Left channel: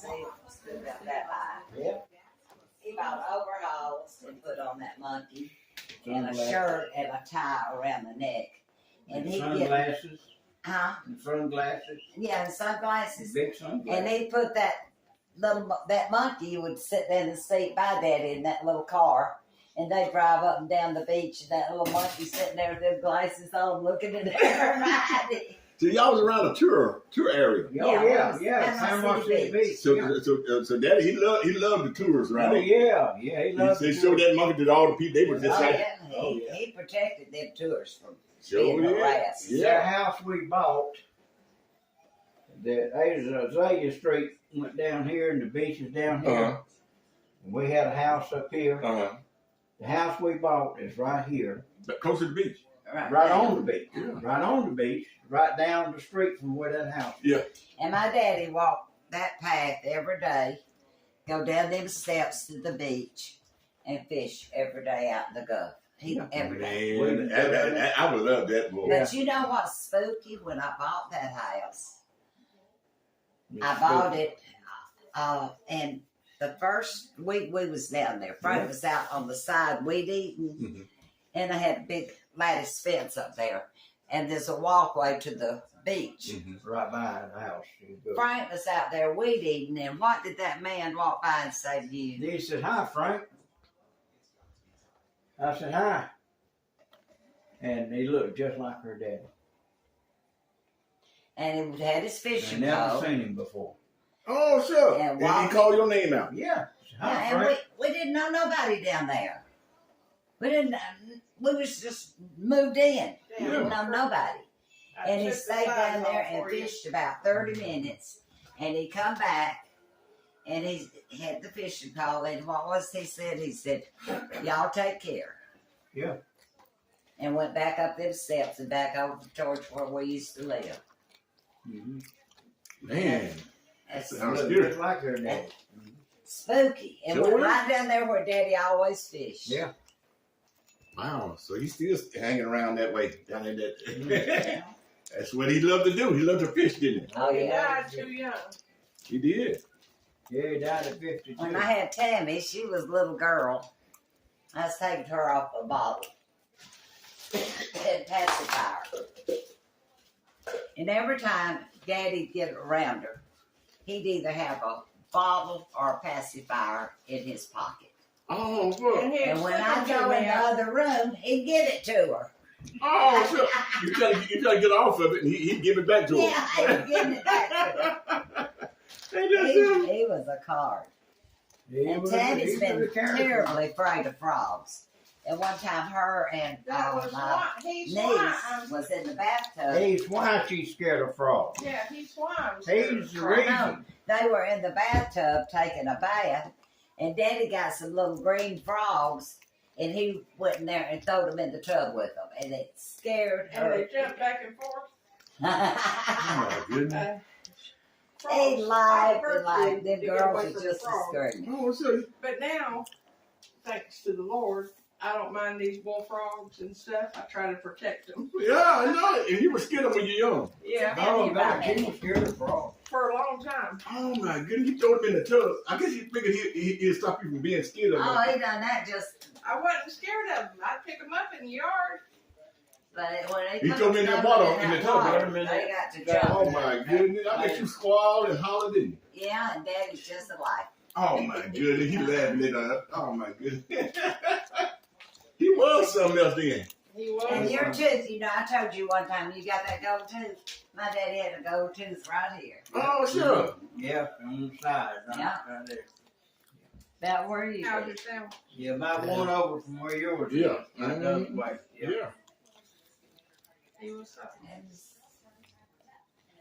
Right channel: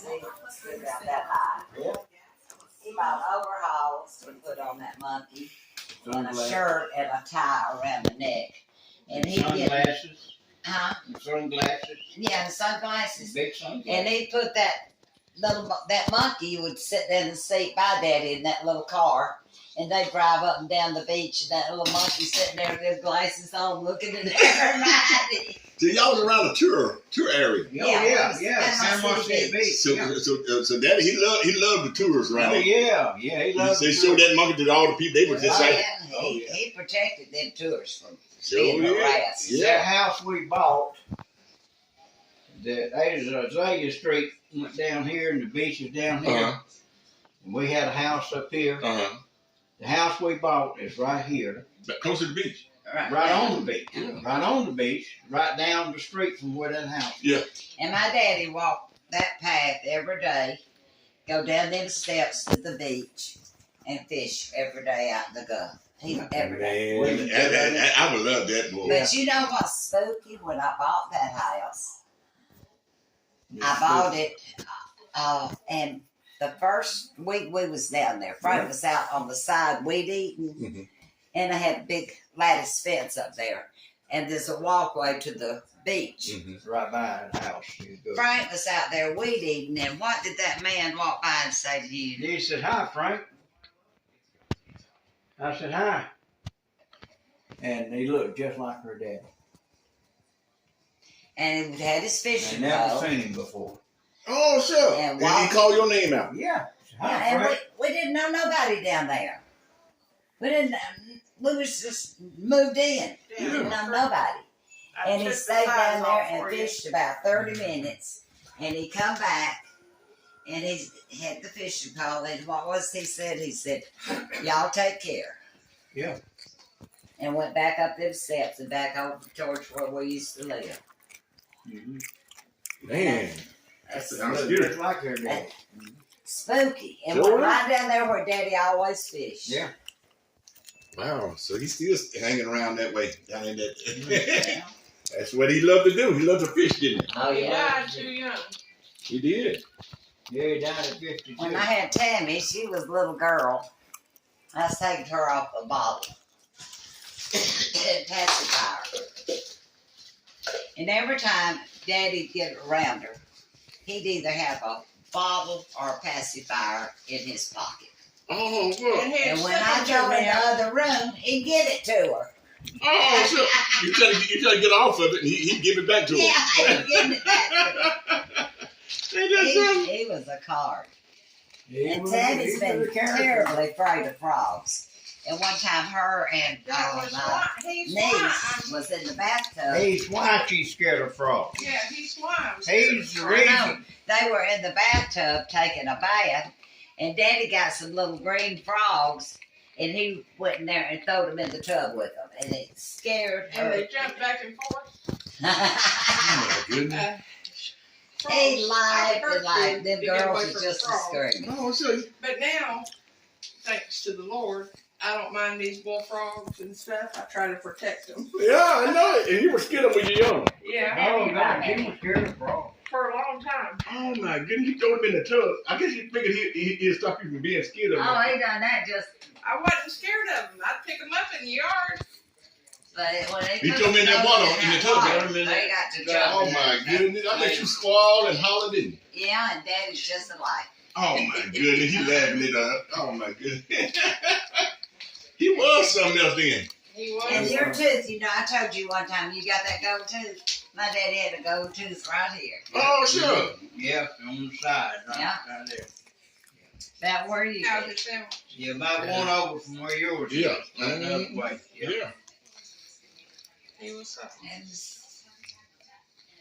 See, stood out that high. Yeah. He bought overalls to put on that monkey, and a Sunglasses. shirt and a tie around the neck. And he'd get, Sunglasses. huh? Sunglasses. Yeah, and sunglasses. Big sunglasses. And he put that monkey would sit in the seat by Daddy in that little car, and they drive up and down the beach, and that little monkey sitting there with his glasses on, looking at everybody. So y'all was around a tour area. Oh, Yeah, yeah. Panama City Beach. So, yeah. so Daddy, he loved the tours around Oh, there. yeah. He loved They the showed tour. that monkey to all the people. They were just Oh, like, yeah. He protected them tours from sure being did. harassed. Yeah. That house we bought, the Azalea Street went down here and the beach is down here. Uh-huh. And we had a house up here. Uh-huh. The house we bought is right here, Close to the beach. right on the beach. Yeah. Right on the beach, right down the street from where that house is. And my daddy walked that path every day, go down them steps to the beach, and fish every day out in the Gulf. Every day. Man, I would love that boy. But you know what's spooky? When I bought that house, I bought it, and the first week we was down there, Frank was out on the side weed eating, Mhm. and I had a big lattice fence up there, and there's a walkway to the beach. Mhm. Right by the house. You go. Frank was out there weed eating, and what did that man walk by and say to you? He said, "Hi, Frank." I said, "Hi." And he looked just like her dad. And he had his I fishing never pole. seen him before. Oh, sure. And Did he call your name out? Yeah. Hi, Yeah, and Frank. we didn't know nobody down there. We was just moved in. We didn't know nobody. And he stayed down there and fished about 30 minutes. And he come back and he had the fishing pole. And what was he said? He said, y'all take care. Yeah. And went back up them steps and back over towards where we used to live. Mhm. Man. That's Sounds Looked scary. just like her dad. spooky. And Sure. went right down there where Daddy always fished. Yeah. Wow. So he's still hanging around that way. Down in that. Yeah. That's what he loved to do. He loved to fish, didn't he? Oh, He yeah. died too young. He did. Yeah, he died at 52. When I had Tammy, she was a little girl. I was taking her off a bottle. And pacifier. And every time Daddy'd get around her, he'd either have a bottle or a pacifier in his pocket. Oh, look. And when I go in the other room, he'd give it to her. Oh, so you try to get off of it, and he'd give it back to Yeah, her. he'd give it back to her. Ain't that something? He was a card. He And was- Tammy's he been was a character. terribly afraid of frogs. And one time her and That was my why. He's niece why. was in the bathtub. He's why she's scared of frogs. Yeah, he's why. He's the I know. reason. They were in the bathtub taking a bath, and Daddy got some little green frogs, and he went in there and threw them in the tub with them, and it scared And they her. jump back and forth. Oh, my goodness. He laughed Frogs and laughed. to Them get girls away were from just the as frogs. screaming. Oh, so But now, thanks to the Lord, I don't mind these bullfrogs and stuff. I try to protect them. yeah, I know it. And you were scared of when you were young. Yeah, No, no, she was scared of frogs. for a long time. Oh my goodness, he threw him in the tub. I guess he figured he'd stop you from being scared of him. Oh, he done that just, I wasn't scared of them. I'd pick them up in the yard. but when they He put threw 'em in that those water, in the that tub, water, threw 'em in they that- got to Oh jump. my goodness, I bet you squalled and hollered, didn't you? Yeah, and Daddy's just alike. Oh my goodness, he laughing it up. Oh my goodness. He was something else then. He was. And your tooth, you know, I told you one time you got that gold tooth. My daddy had a gold tooth right here. Oh sure. Yeah, on the side, right, Yeah. right there. About where you How's live. it sound? Yeah, about one over from where yours is. Yeah. Right the other way. Yeah. Yeah. He was something. And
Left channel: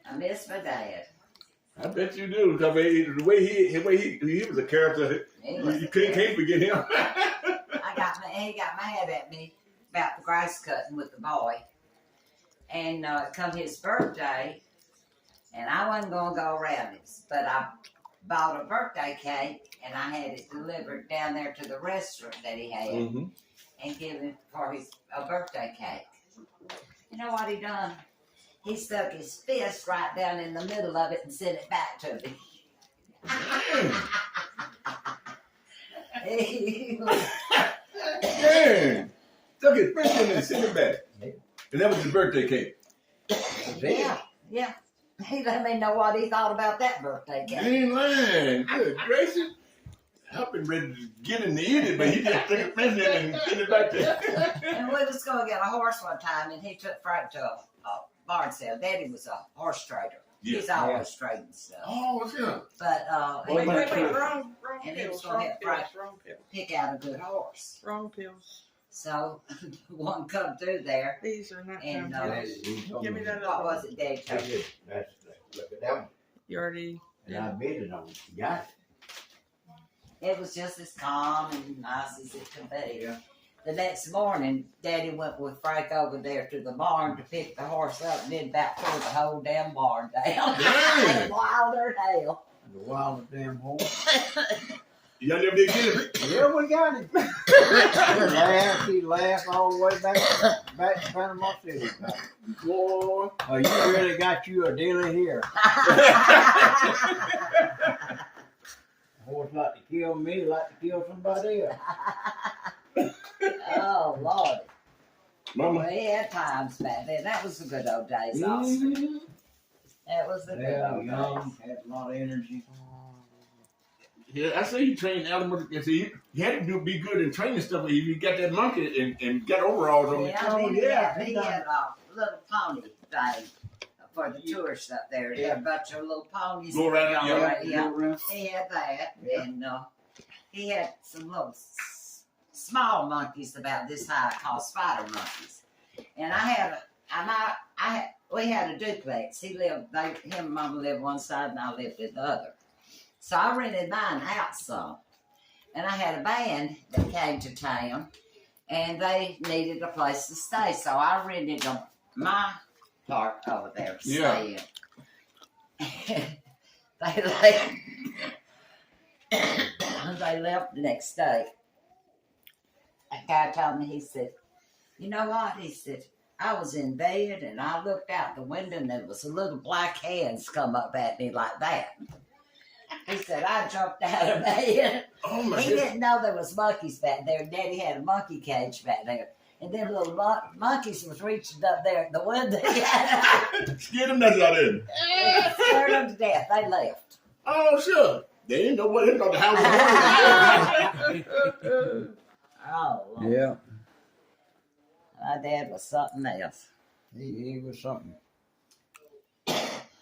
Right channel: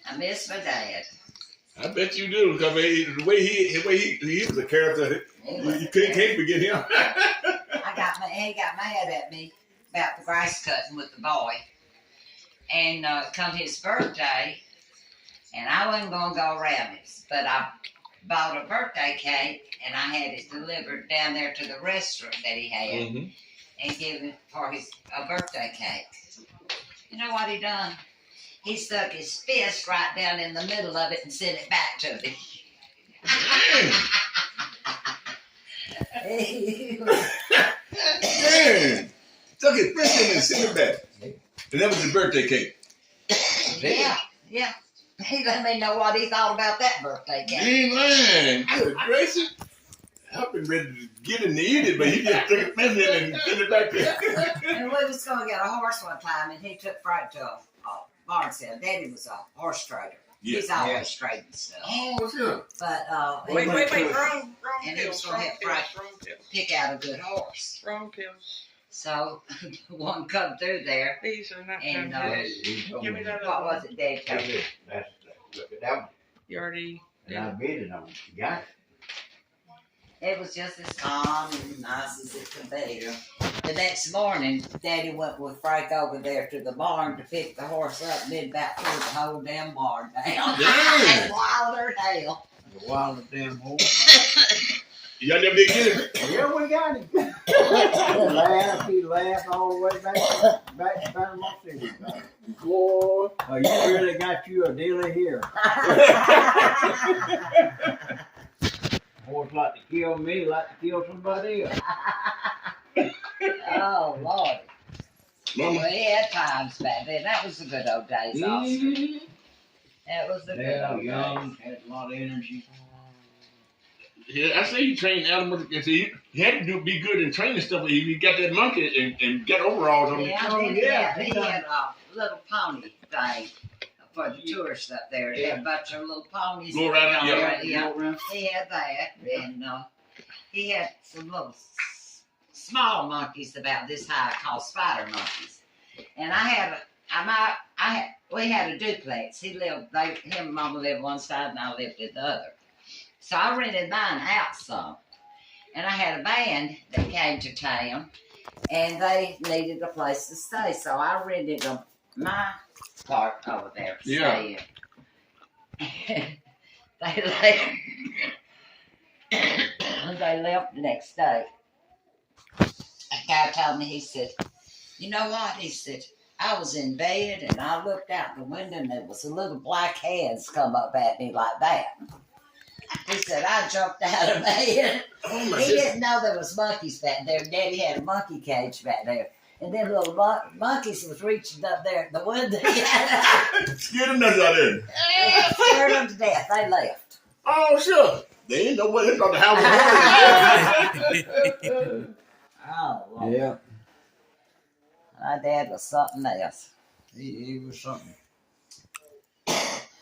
I miss my dad. I bet you do, because the way he was a character, He was you a can't forget him. he got mad at me about the grass cutting with the boy. And come his birthday, and I wasn't going to go around it, but I bought a birthday cake, and I had it delivered down there to the restaurant that he had, Mhm. and give him for a birthday cake. You know what he done? He stuck his fist right down in the middle of it and sent it back to me. Man, took his fish in and sent it back. And that was his birthday cake. yeah. He let me know what he thought about that birthday He cake. ain't lying. Good gracious. I've been ready to get him to eat it, but he just took a fish in and sent it back there. And we was going to get a horse one time, and he took Frank to a barn sale. Daddy was a horse trader. Yeah. He's always trading stuff. Oh, yeah. But Wait, he wrong And he was pills, gonna wrong have pills, fried- wrong pills, pick out a good horse. wrong pills. So one come through there, These are not And, good pills. He told Give me that what other was it, Daddy? That's it. Look at that one. You already, And I bid it on it. You got it. It was just as calm and nice as it could be. The next morning, Daddy went with Frank over there to the barn to pick the horse up and then about pulled the whole damn barn down. Damn. Wilder hell. The wildest damn horse. Y'all never did get him? Yeah, we got him. He laughed all the way back to Panama City. Boy. Oh, you really got you a dealer here. Horse like to kill me, like to kill somebody else. Oh, Lord. Mama. We had times back then. That was the good old days, also. Mhm. That was the good Yeah, old young, days. had a lot of energy. Yeah, I say he trained animals. And see, he had to be good in training stuff. He got that monkey and got overalls on Yeah, it. he had a little pony thing for the tourists up there. He had a bunch of little ponies. Go around, that yeah. go around, yeah. Go around. He had that, Yeah. and he had some little small monkeys about this high called spider monkeys. And we had a duplex. Him and Mama lived one side, and I lived at the other. So I rented mine out some, and I had a band that came to town, and they needed a place to stay, so I rented them my part over there to stay in. They left. They left the next day. A guy told me, he said, "You know what?" He said, "I was in bed and I looked out the window and there was a little black hands come up at me like that." He said, "I jumped out of bed." Oh my He goodness. didn't know there was monkeys back there. Daddy had a monkey cage back there. And then little monkeys was reaching up there at the window. Scared the nuts out there. Scared them to death. They left. Oh, sure. They didn't know what they thought the house was. Oh, Lord. Yeah, My dad was something else. he was something.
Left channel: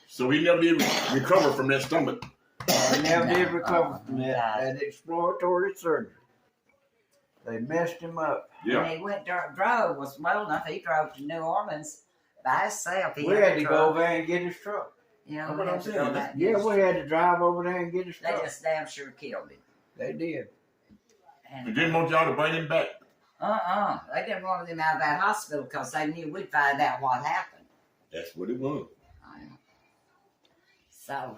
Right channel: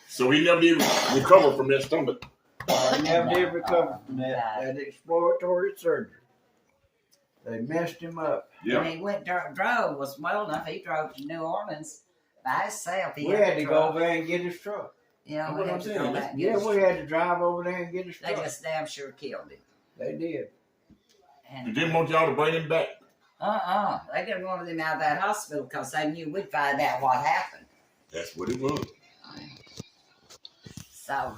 So he never did recover from that stomach. I never did recover from No. that exploratory surgery. They messed him up. Yeah. When he went drove was well enough. He drove to New Orleans by himself. We had to go over there and get his truck. You know, That's we what had I'm to saying. go back and Yeah, get his we had to drive over there and get his They truck. just damn sure killed him. They did. They And didn't want y'all to bring him back. they didn't want him out of that hospital because they knew we'd find out what happened. That's what it was. So,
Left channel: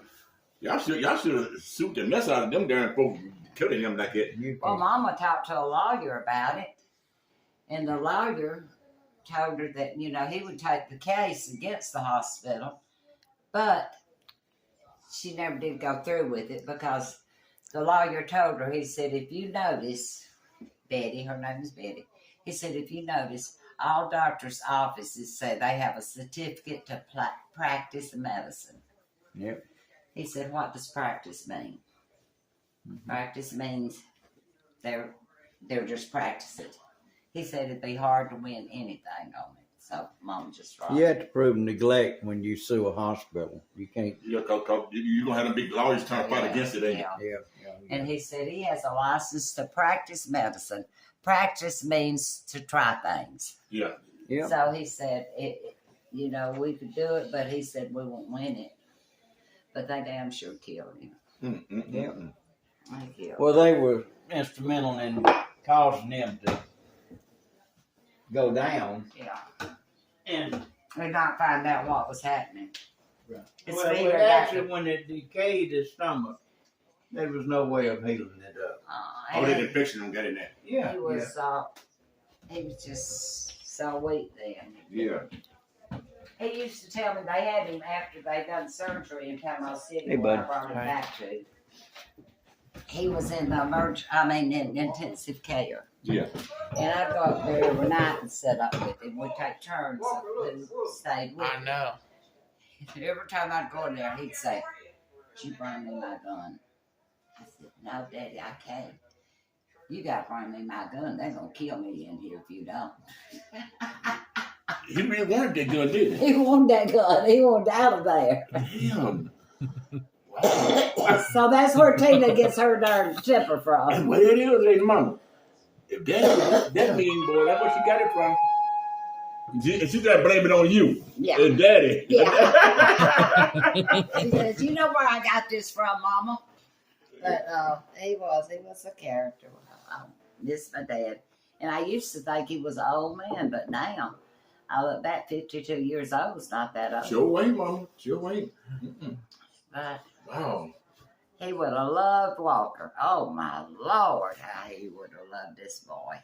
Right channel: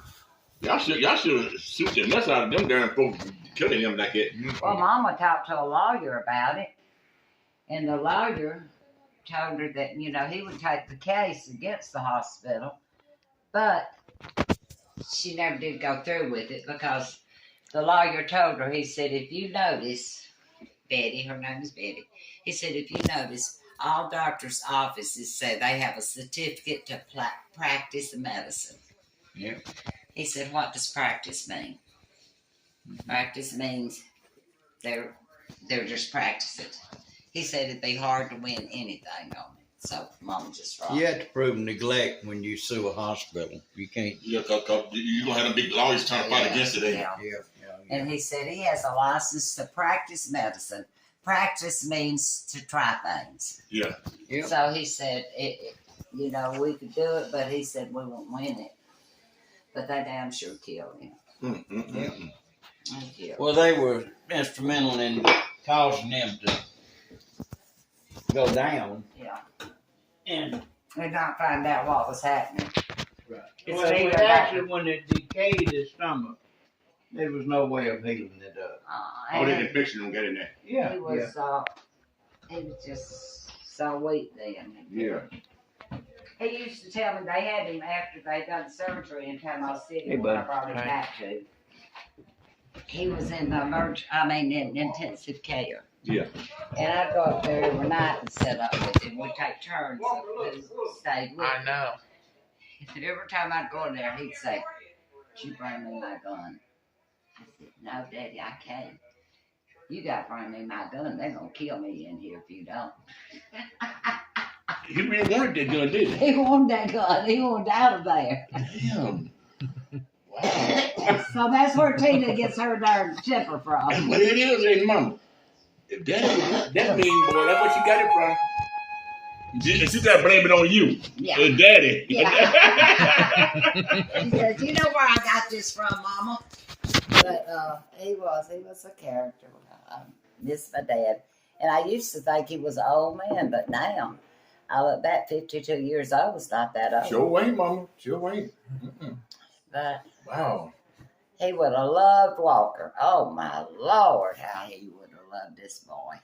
Y'all should have sued the mess out of them darn folks killing him like that. well, Mama talked to a lawyer about it, and the lawyer told her that, you know, he would take the case against the hospital, but she never did go through with it because the lawyer told her, he said, "If you notice, Betty," her name is Betty, he said, "if you notice, all doctors' offices say they have a certificate to practice medicine." Yep. He said, "What does practice mean?" Practice means they're just practicing. He said it'd be hard to win anything on it. So Mama just right. You have to prove neglect when you sue a hospital. You can't. Yeah, cause you gonna have them big lawyers trying to fight against it, ain't you? Yeah. Yeah. And he said he has a license to practice medicine. Practice means to try things. Yeah. Yeah. So he said, you know, we could do it, but he said we won't win it. But they damn sure killed him. Mm. They killed him. Well, they were instrumental in causing them to go down. Yeah. And We not find out what was happening. It's well, either actually, when it decayed his stomach, there was no way of healing it up. Oh, that infection don't get in there. Yeah. He was just so weak then. Yeah. He used to tell me they had him after they done surgery in Panama City Hey, where I bud. brought him Hi. back to. he was in the in intensive care. Yeah. And I'd go up there every night and sit up with him. We'd take turns who stayed with I him. know. Every time I'd go in there, he'd say, "You bring me my gun." I said, "No, Daddy, I can't. You gotta bring me my gun. They're gonna kill me in here if you don't." He really wanted that gun, didn't he? He wanted that gun. He wanted out of there. Damn. Wow. So that's where Tina gets her darn temper from. That's what it is, ain't mama. If that mean boy, that's where she got it from. And she gotta blame it on you. Yeah. And daddy. Yeah. She says, "You know where I got this from, Mama?" But he was a character. I miss my dad. And I used to think he was an old man, but now I look back, 52 years old is not that old. Sure ain't, mama. Sure ain't. But Wow. he would have loved Walker. Oh my Lord, how he would have loved this boy.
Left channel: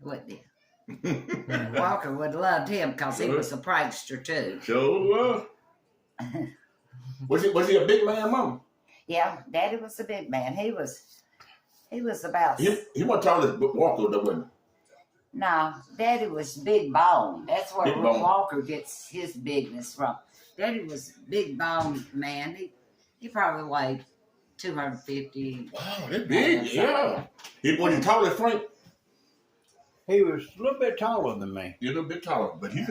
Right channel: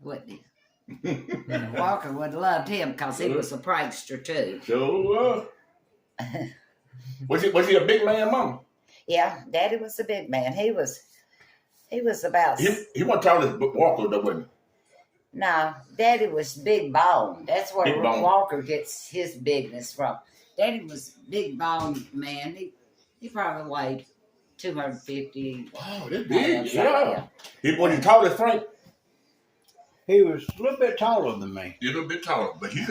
Wouldn't he? Walker would have loved him because he was a prankster too. Sure. Was he a big man, mama? Yeah, Daddy was a big man. He was about. He wasn't tall as Walker, though, wasn't No, Daddy was big bone. That's where Big bone. Walker gets his bigness from. Daddy was big bone man. He probably weighed 250. Wow, that's big. So, Yeah. He was tall as Frank. He was a little bit taller than me. He's a little bit taller, but He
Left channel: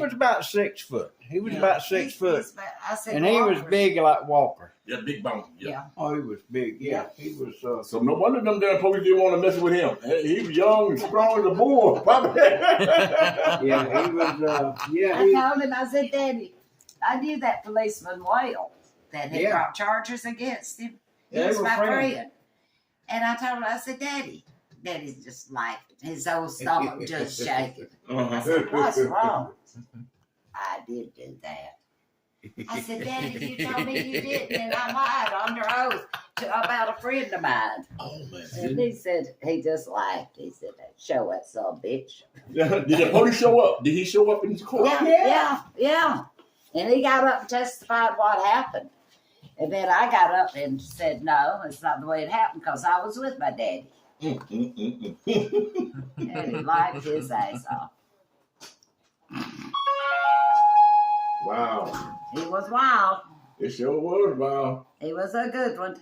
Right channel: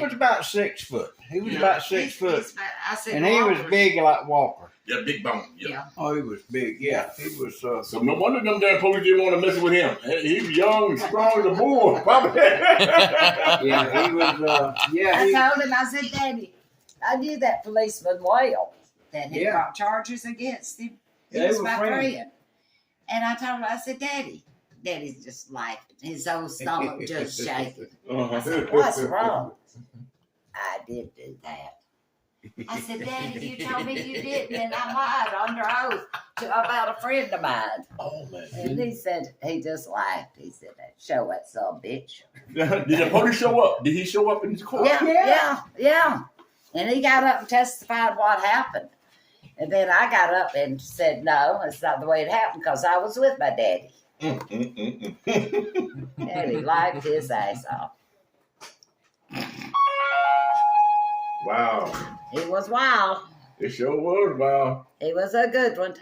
was about 6 foot. He was Yeah. about 6 foot. He's about- I said, And he was Walker's- big like Walker. Yeah, big bone. Yeah. Yeah. Oh, he was big. Yeah, he was. So no wonder them damn police didn't want to mess with him. He was young and strong as a bull, probably. Yeah, he was. Yeah, I he. told him, I said, "Daddy, I knew that policeman well that had Yeah. brought charges against him. He Yeah, they was were my friends. friend." And I told him, I said, Daddy's just laughing. His old stomach just shaking. I said, "What's wrong?" "I did do that." I said, "Daddy, you told me you didn't, and I lied under oath about a friend of mine." Oh man. And he said, he just laughed. He said, "Show that son of a bitch." Did the police show up? Did he show up in his court? Yeah. And he got up and testified what happened. And then I got up and said, "No, it's not the way it happened," because I was with my daddy. And he laughed his ass off. Wow. He was wild. It sure was wow. He was a good one.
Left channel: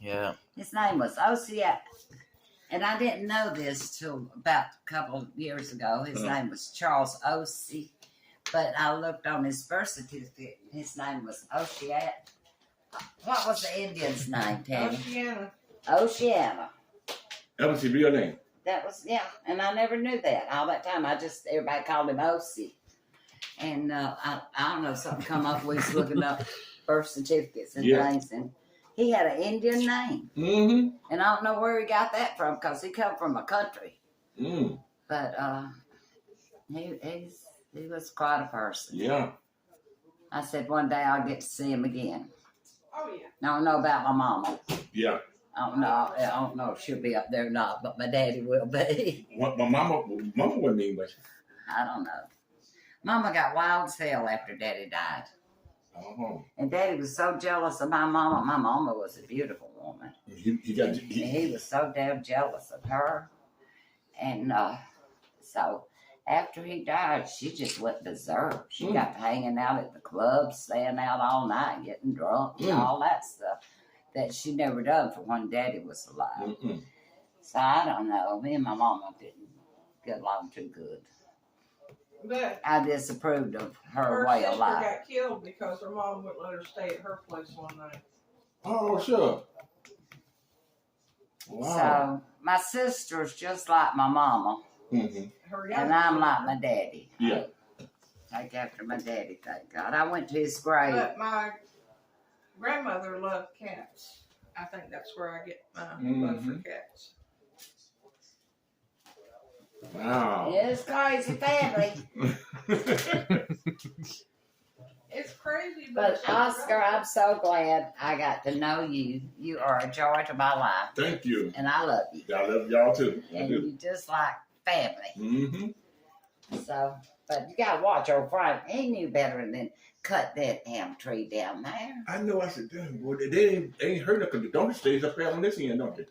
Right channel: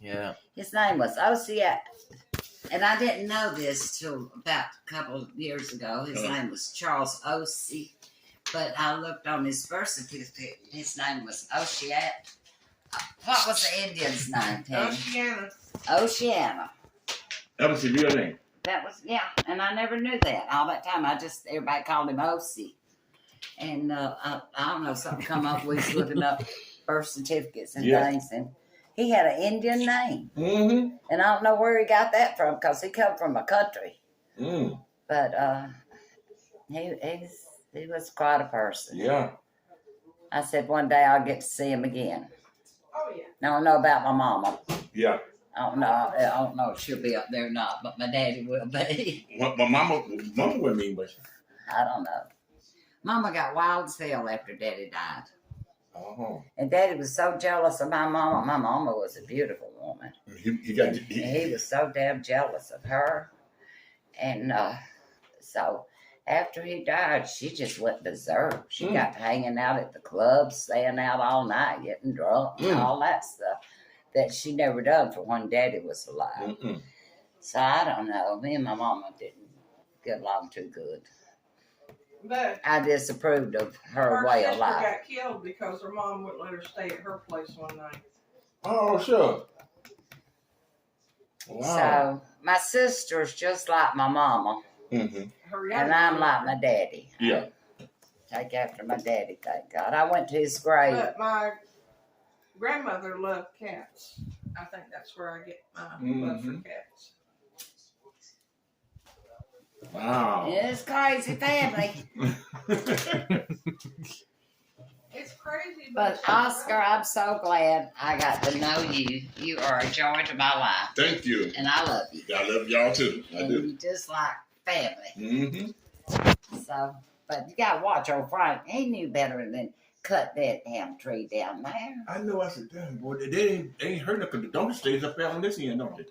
Yeah. His name was Osiat. And I didn't know this till about a couple of years ago. His name was Charles Ossie. But I looked on his birth certificate. His name was Osiat. What was the Indian's name, Tammy? Oceana. Oceana. That was his real name. That was, yeah. And I never knew that. All that time, everybody called him Ossie. And I don't know, something come up. We was looking up birth certificates and Yeah. things. And he had an Indian name. Mm-hmm. And I don't know where he got that from because he come from a country. Mm. But he was quite a person. Yeah. I said one day I'll get to see him again. Oh yeah. Now I know about my mama. Yeah. I don't know if she'll be up there or not, but my daddy will be. What my mama would mean, but I don't know. Mama got wild as hell after Daddy died. oh, And Daddy was so jealous of my mama. My mama was a beautiful woman. he got And he was so damn jealous of her. And so after he died, she just went berserk. She got hanging out at the club, staying out all night, getting drunk, and all that stuff that she never done for when Daddy was alive. Mm-mm. So I don't know. Me and my mama didn't get along too good. But I disapproved of her her way of sister life. got killed because her mom wouldn't let her stay at her place one night. Oh, sure. Wow. So my sister's just like my mama, Mm-hmm. Her and younger I'm sister. like my daddy. Yeah. Take after my daddy, thank God. I went to his grave. But my grandmother loved cats. I think that's where I get my love for cats. Wow. It's crazy family. It's crazy, But it's Oscar, right. I'm so glad I got to know you. You are a joy to my life, Thank you. and I love you. I love y'all too. I And do. you just like family. Mm-hmm. So, but you gotta watch old Frank. He knew better than cut that damn tree down there. I know. I said, damn, boy, they ain't hurt because the donkey stays up there on this end, don't they?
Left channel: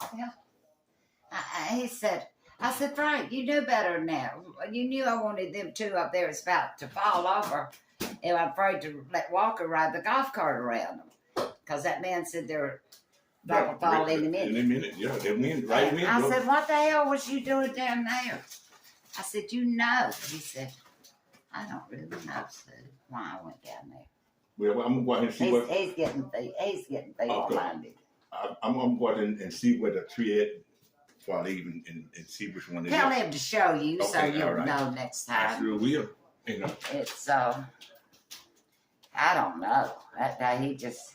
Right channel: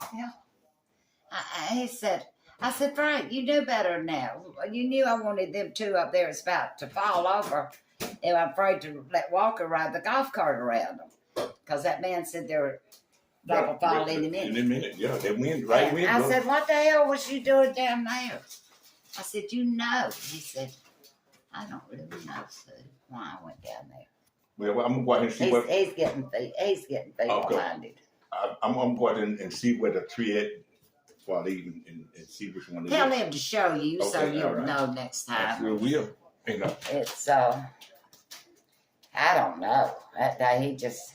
He said, I said, Frank, you knew better than that. You knew I wanted them two up there. It's about to fall over. And I'm afraid to let Walker ride the golf cart around them. Because that man said they're about to fall in a minute. In a minute, yeah. They wind, right wind. I said, what the hell was you doing down there? I said, you know. He said, I don't really know, Sue, why I went down there. Well, I'm going to go ahead and see what... He's getting feeble-minded. I'm going to go ahead and see where the tree is before I leave and see which one it is. Tell him to show you so Okay, you'll all right. know next I time. sure will. You know. It's, I don't know. That day he just...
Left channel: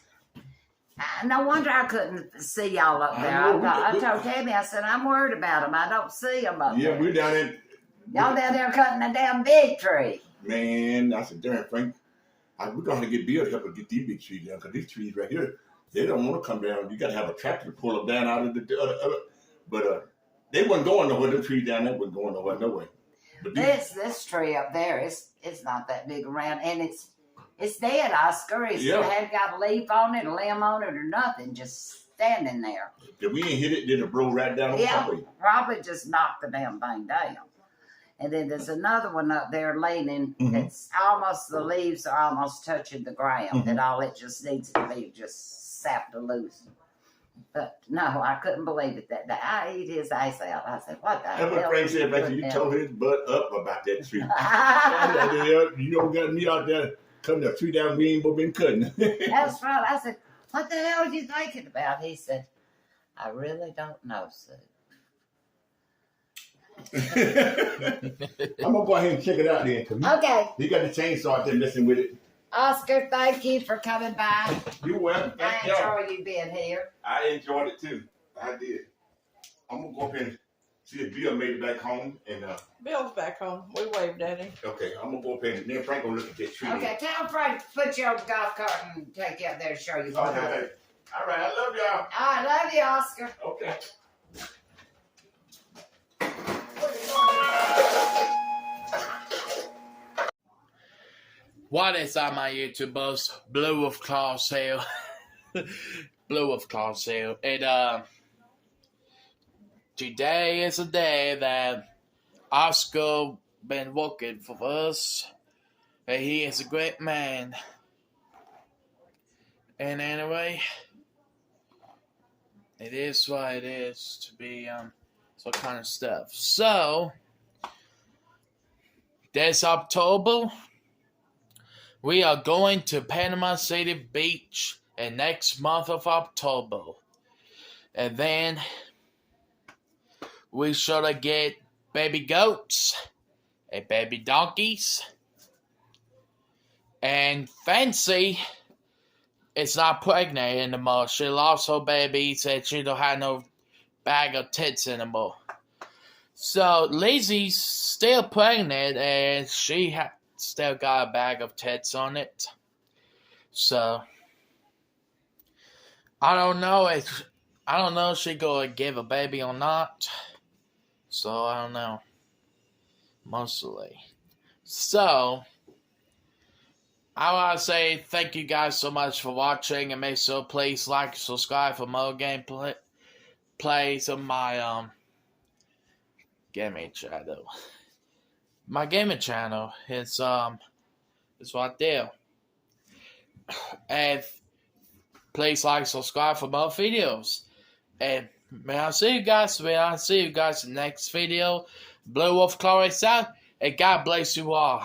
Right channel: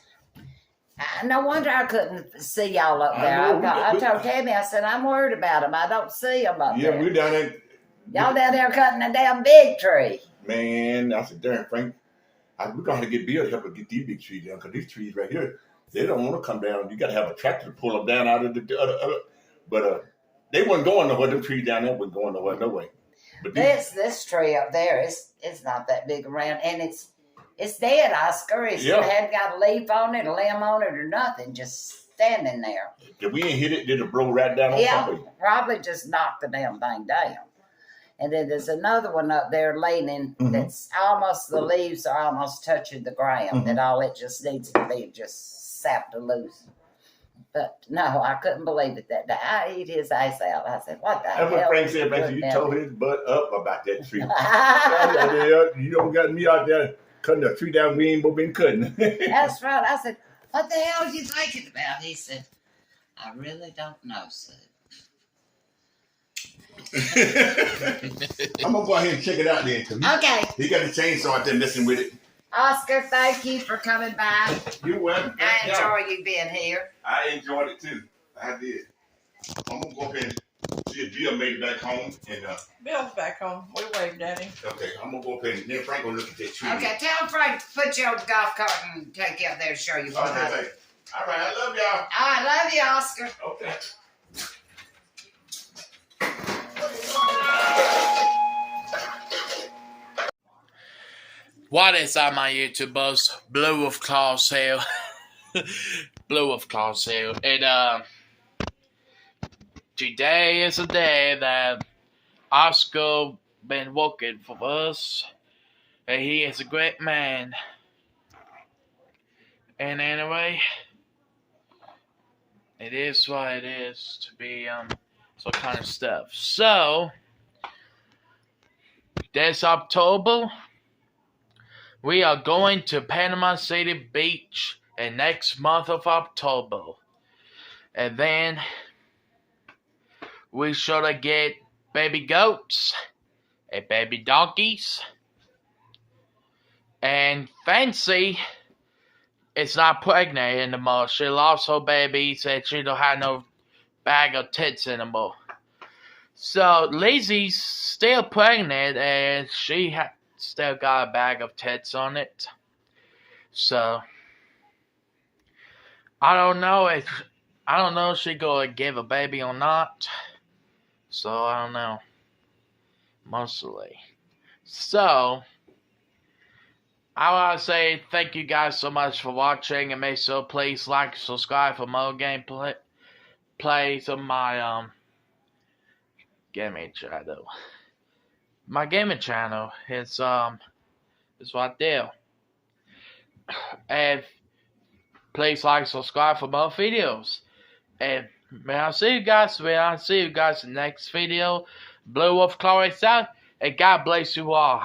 no wonder I couldn't see y'all up there. I told Tammy, I said, I'm worried about them. I don't see them up there. Yeah, we're down there. Y'all down there cutting a damn big tree. Man, I said, darn, Frank, we're going to get Bill to help us get these big trees down because these trees right here, they don't want to come down. You got to have a tractor to pull them down out of the other. But they wasn't going nowhere. Them trees down there wasn't going nowhere, no way. But This tree up there, it's not that big around, and it's dead, Oscar. It hadn't got a leaf on it, a limb on it, or nothing. Just standing there. If we ain't hit it, did it blow right down on top of it? Probably just knocked the damn thing down. And then there's another one up there leaning that's almost, the leaves are almost touching the ground, and all it just needs to be just sapped loose. But no, I couldn't believe it that day. I eat his ass out. I said, what the hell? That's what Frank said, Frank, you tore his butt up about that tree. You don't got me out there cutting the tree down we ain't been cutting. That's right. I said, what the hell are you thinking about? He said, I really don't know, Sue. I'm gonna go ahead and check it out then. Okay. He got the chainsaw out there messing with it. Oscar, thank you for coming by. You're welcome. I enjoy you being here. I enjoyed it too. I did. I'm gonna go up and see if Bill made it back home. And Bill's back home. We waved at him. okay, I'm gonna go up and then Frank gonna look at that tree. Okay, tell Frank to put you on the golf cart and take you up there and show you what I do. Okay. All right, I love y'all. I love you, Oscar. Okay. What is up, my YouTubers? Blue Wolf Claws here. Blue Wolf Claws here. And, today is a day that Oscar been working for us. And he is a great man. And anyway, it is what it is to be, some kind of stuff. So, this October, we are going to Panama City Beach in next month of October. And then we should get baby goats and baby donkeys. And Fancy is not pregnant anymore. She lost her baby, said she don't have no bag of tits anymore. So Lizzie's still pregnant and she still got a bag of tits on it. So I don't know if she gonna give a baby or not. So I don't know. Mostly. So I want to say thank you guys so much for watching, and make sure please like and subscribe for more gameplay plays on my gaming channel. My gaming channel is right there. And please like, subscribe for more videos. And may I see you guys in the next video. Blue Wolf Claws out, and God bless you all.